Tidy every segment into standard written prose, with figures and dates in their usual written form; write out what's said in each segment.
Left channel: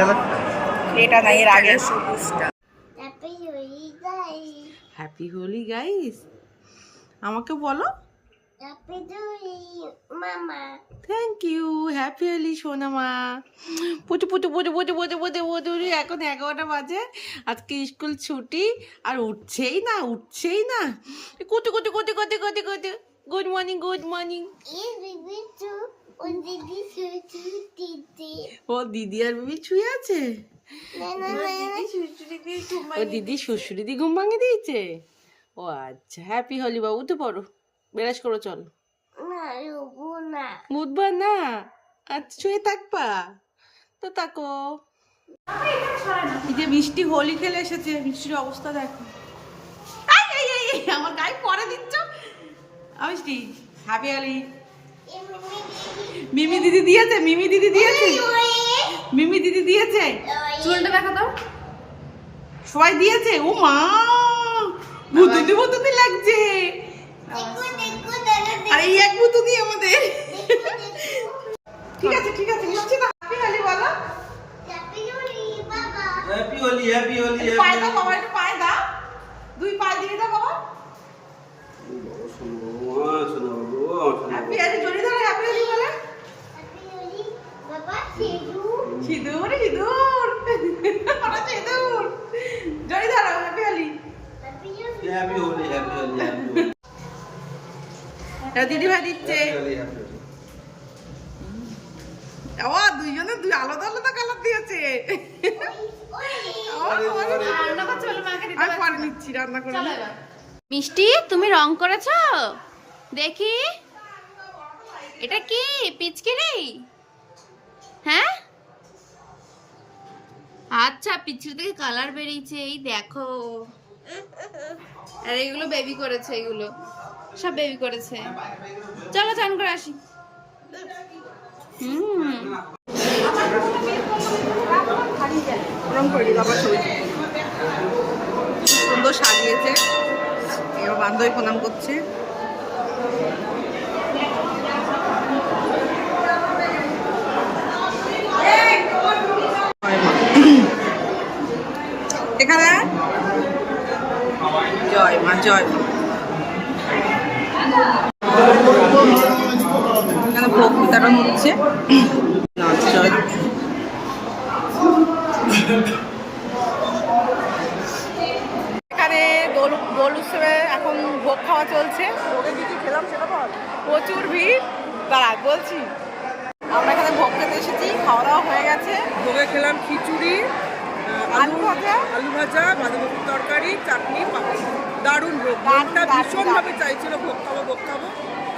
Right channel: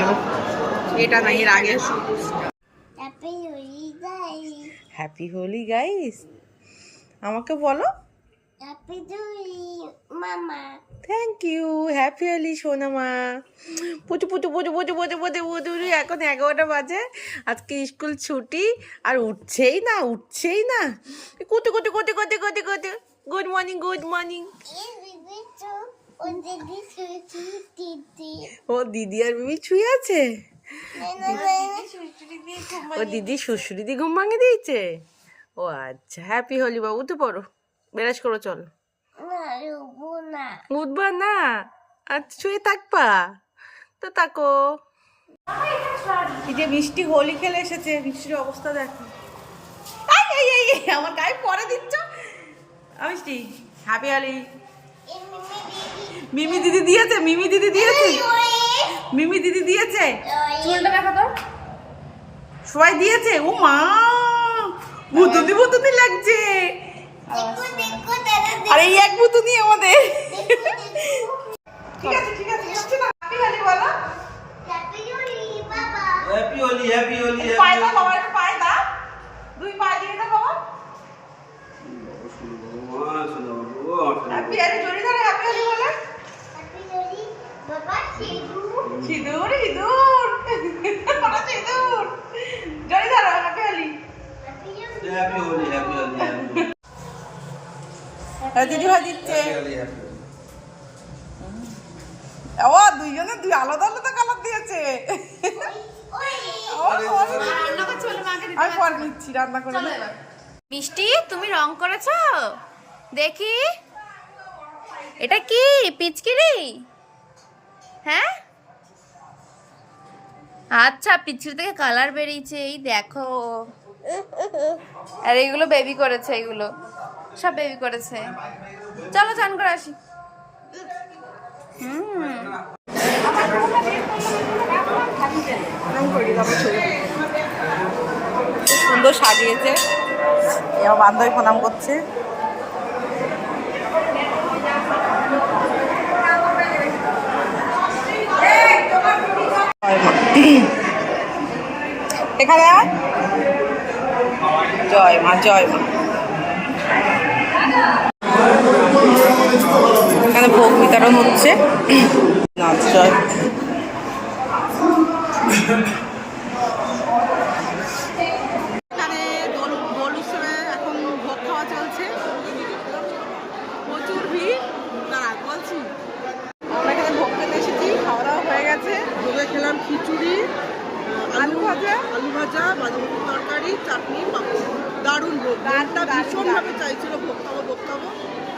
কালারটা? এটা না, এর আগে সবুজটা। হ্যাপি হোলি গাইস, আমাকে বলো। থ্যাংক ইউ, হ্যাপি হোলি সোনামা। পুচু পুচু পুচু পুচু পুচু পুচু পুচু। এখন 11টা বাজে, আজকে স্কুল ছুটি, আর উঠছেই না উঠছেই না। কুতু কুতু কুতু কুতু কুতু কুতু। Good morning good morning. ও দিদি আর বেবি ছুঁয়ে আছে। ও দিদি শ্বশুরি দি ঘুম ভাঙে দিয়েছে। ও আচ্ছা, হ্যাপি হোলি বাবু, উঠে পড়ো, বেরাস করো, চলো। উঠবা না? আচ্ছা, শুয়ে থাকবা তো থাকো। এই যে মিষ্টি হোলি খেলে এসেছে, মিষ্টির অবস্থা দেখো। আমার গায়ে পরে দিচ্ছ। মিষ্টি হ্যাপি হোলি। মিমি দিদি দিয়েছে, মিমি দিদি দিয়েছে, মিমি দিদি দিয়েছে। চুলটা দেখা তো, সবাই দিয়েছে। ও মা, ভুতুনি ভুতুনি লাগছে। আর এই এক ভুতুনি আমাদের। ঠিক আছে ঠিক আছে, মিষ্টি না, হ্যাপি হোলি বলো। Happy Holi happy Holi. পায়ে দাও বাবা, একটু পায়ে দাও, দুই পায়ে দিয়ে দাও বাবা। হ্যাপি হোলি, জড়ি ধরো, হ্যাপি হোলি বলে। সিঁদুর সিঁদুর, ওটা সিঁদুর। জড়ি ধরো, happy Holi. Happy Holi happy Holi. দিদি ভাই দিচ্ছে। ও দুইজনে দুই আলাদা আলাদা কালার দিয়েছে। আমি পরে নিচ্ছি, রান্না করে। মিষ্টি, তুমি রং করেছো দেখি। এটা কি পিচকিরি? হ্যাঁ আচ্ছা, পিচকিরি থেকে কালার বেরিয়েছে, এই দেখো। আর এইগুলো বেবি করেছে, এইগুলো সব বেবি করেছে। চলো চান করে আসি। খুব সুন্দর সাজিয়েছে, এবার বান্ধবী প্রণাম করছে। এখানে জয় মা জয় মা। এখানে ভোগ বিতরণ হচ্ছে। নাচ জয়। এখানে দোল উৎসবে এখন ভোগ খাওয়া চলছে। প্রচুর ভিড়, দাঁড়া বলছি। আমরা এখানে ভোগ খেতে এসেছি, খাওয়া দাওয়া হয়ে গেছে। ভোগে খেলাম খিচুড়ি, আলু ভাজা, বাঁধাকপির তরকারি, চাটনি, পাপড়। দারুণ ভোগ, মনটা ভীষণভাবে চাইছিল ভোগ খাবো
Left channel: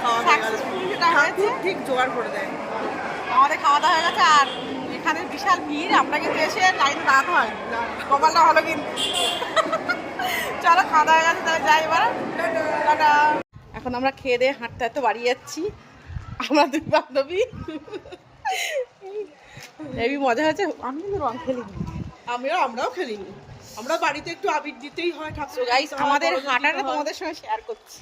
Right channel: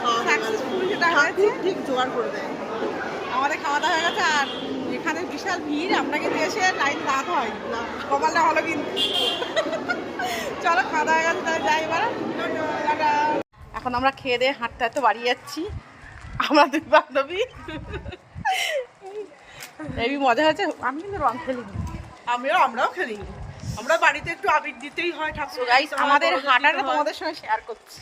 খাওয়া হয়ে গেল। ঠাকুর ঠিক জোগাড় করে দেয়। আমাদের খাওয়া দাওয়া হয়ে গেছে। আর এখানে বিশাল ভিড়, আমরা কিন্তু এসে লাইনে দাঁড়াতে হয় না, কপালটা হলো কিন্তু। চলো, খাওয়া দাওয়া হয়ে গেছে, তাহলে যাই এবার। এখন আমরা খেয়ে দিয়ে হাঁটতে হাঁটতে বাড়ি যাচ্ছি, আমরা দুই বান্ধবী। এই মজা হয়েছে। আমি কিন্তু রং খেলিনি। আমরাও খেলিনি, আমরা বাড়িতে একটু আবির দিতেই হয় ঠাকুর। গাইস, আমাদের হাঁটাটা তোমাদের সঙ্গে শেয়ার করছি।